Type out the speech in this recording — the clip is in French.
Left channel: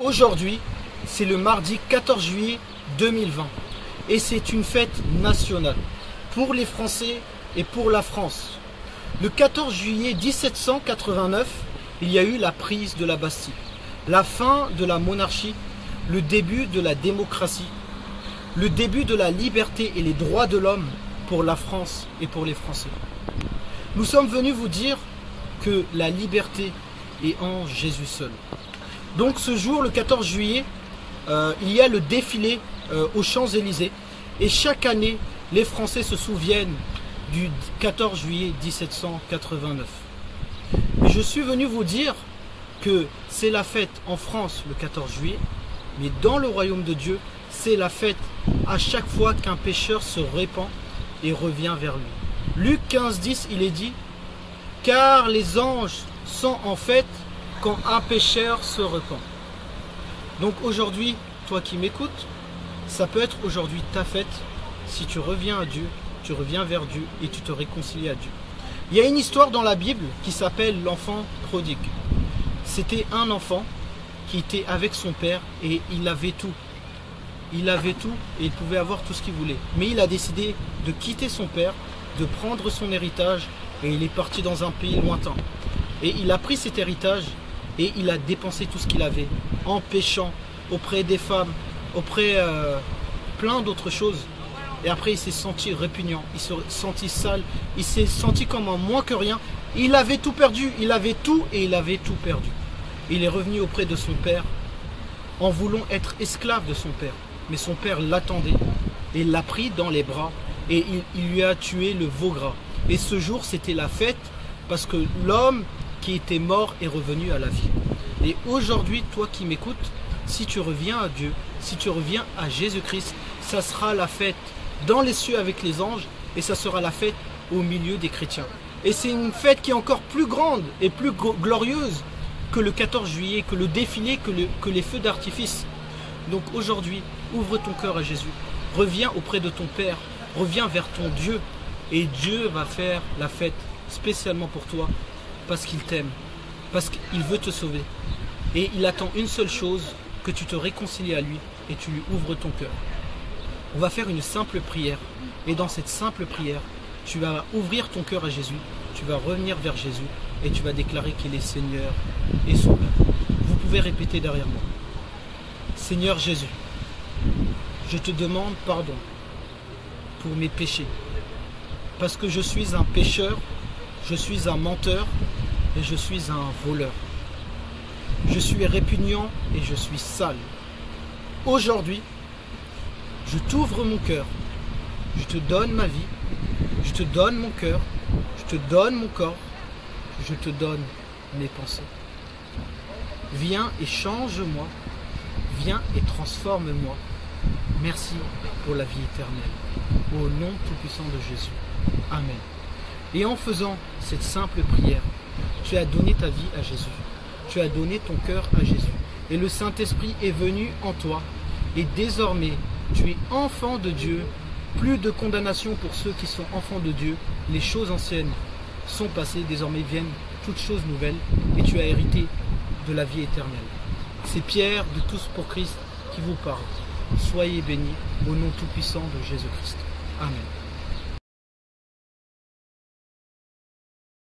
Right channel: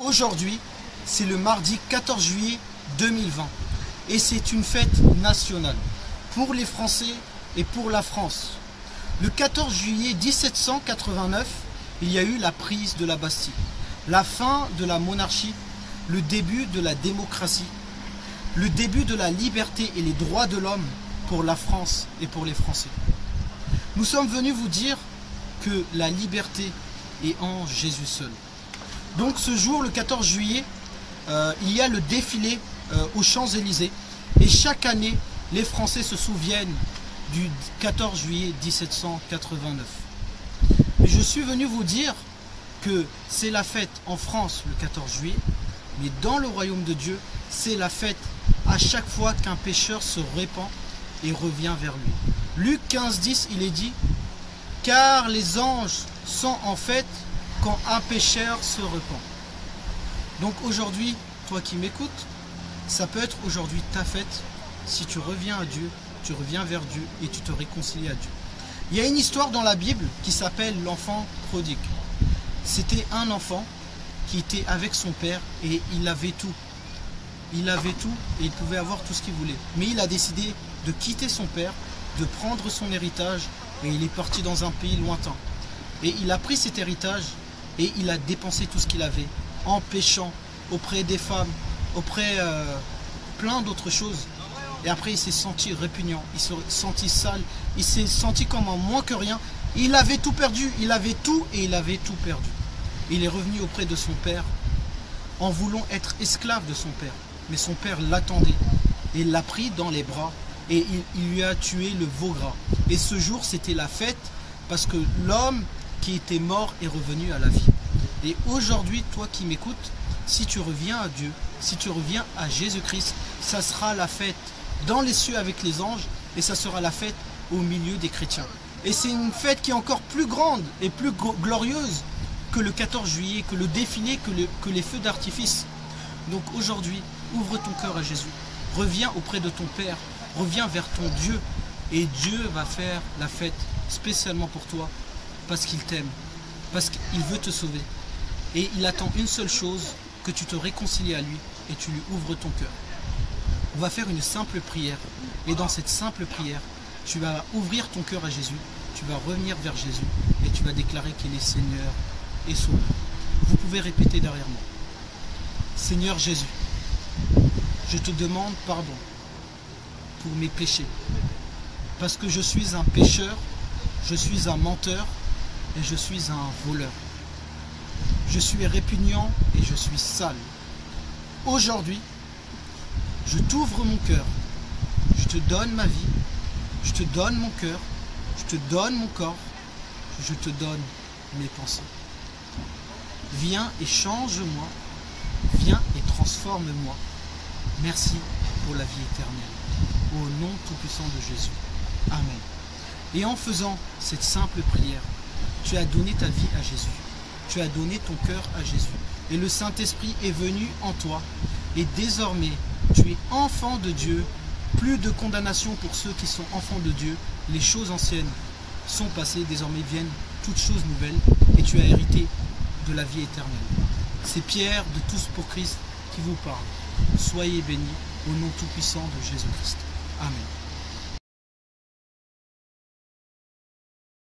Aujourd'hui, c'est le mardi 14 juillet 2020 et c'est une fête nationale pour les Français et pour la France. Le 14 juillet 1789, il y a eu la prise de la Bastille, la fin de la monarchie, le début de la démocratie, le début de la liberté et les droits de l'homme pour la France et pour les Français. Nous sommes venus vous dire que la liberté est en Jésus seul. Donc ce jour, le 14 juillet, il y a le défilé aux Champs-Élysées. Et chaque année, les Français se souviennent du 14 juillet 1789. Mais je suis venu vous dire que c'est la fête en France le 14 juillet, mais dans le royaume de Dieu, c'est la fête à chaque fois qu'un pécheur se répand et revient vers lui. Luc 15, 10, il est dit « Car les anges sont en fête quand un pécheur se repent. » Donc aujourd'hui, toi qui m'écoutes, ça peut être aujourd'hui ta fête si tu reviens à Dieu, tu reviens vers Dieu et tu te réconcilies à Dieu. Il y a une histoire dans la Bible qui s'appelle l'enfant prodigue. C'était un enfant qui était avec son père et il avait tout. Il avait tout et il pouvait avoir tout ce qu'il voulait. Mais il a décidé de quitter son père, de prendre son héritage et il est parti dans un pays lointain. Et il a pris cet héritage et il a dépensé tout ce qu'il avait en péchant auprès des femmes, auprès plein d'autres choses. Et après il s'est senti répugnant, il s'est senti sale, il s'est senti comme un moins que rien. Il avait tout perdu, il avait tout et il avait tout perdu. Il est revenu auprès de son père en voulant être esclave de son père. Mais son père l'attendait et l'a pris dans les bras et il lui a tué le veau gras. Et ce jour c'était la fête parce que l'homme qui était mort est revenu à la vie. Et aujourd'hui, toi qui m'écoutes, si tu reviens à Dieu, si tu reviens à Jésus-Christ, ça sera la fête dans les cieux avec les anges et ça sera la fête au milieu des chrétiens. Et c'est une fête qui est encore plus grande et plus glorieuse que le 14 juillet, que le défilé, que les feux d'artifice. Donc aujourd'hui, ouvre ton cœur à Jésus, reviens auprès de ton Père, reviens vers ton Dieu et Dieu va faire la fête spécialement pour toi parce qu'il t'aime, parce qu'il veut te sauver. Et il attend une seule chose, que tu te réconcilies à lui et tu lui ouvres ton cœur. On va faire une simple prière et dans cette simple prière, tu vas ouvrir ton cœur à Jésus, tu vas revenir vers Jésus et tu vas déclarer qu'il est Seigneur et Sauveur. Vous pouvez répéter derrière moi. Seigneur Jésus, je te demande pardon pour mes péchés, parce que je suis un pécheur, je suis un menteur et je suis un voleur. Je suis répugnant et je suis sale. Aujourd'hui, je t'ouvre mon cœur, je te donne ma vie, je te donne mon cœur, je te donne mon corps, je te donne mes pensées. Viens et change-moi, viens et transforme-moi. Merci pour la vie éternelle. Au nom tout-puissant de Jésus. Amen. Et en faisant cette simple prière, tu as donné ta vie à Jésus. Tu as donné ton cœur à Jésus. Et le Saint-Esprit est venu en toi. Et désormais, tu es enfant de Dieu. Plus de condamnation pour ceux qui sont enfants de Dieu. Les choses anciennes sont passées. Désormais viennent toutes choses nouvelles. Et tu as hérité de la vie éternelle. C'est Pierre de Tous pour Christ qui vous parle. Soyez bénis au nom tout-puissant de Jésus-Christ. Amen.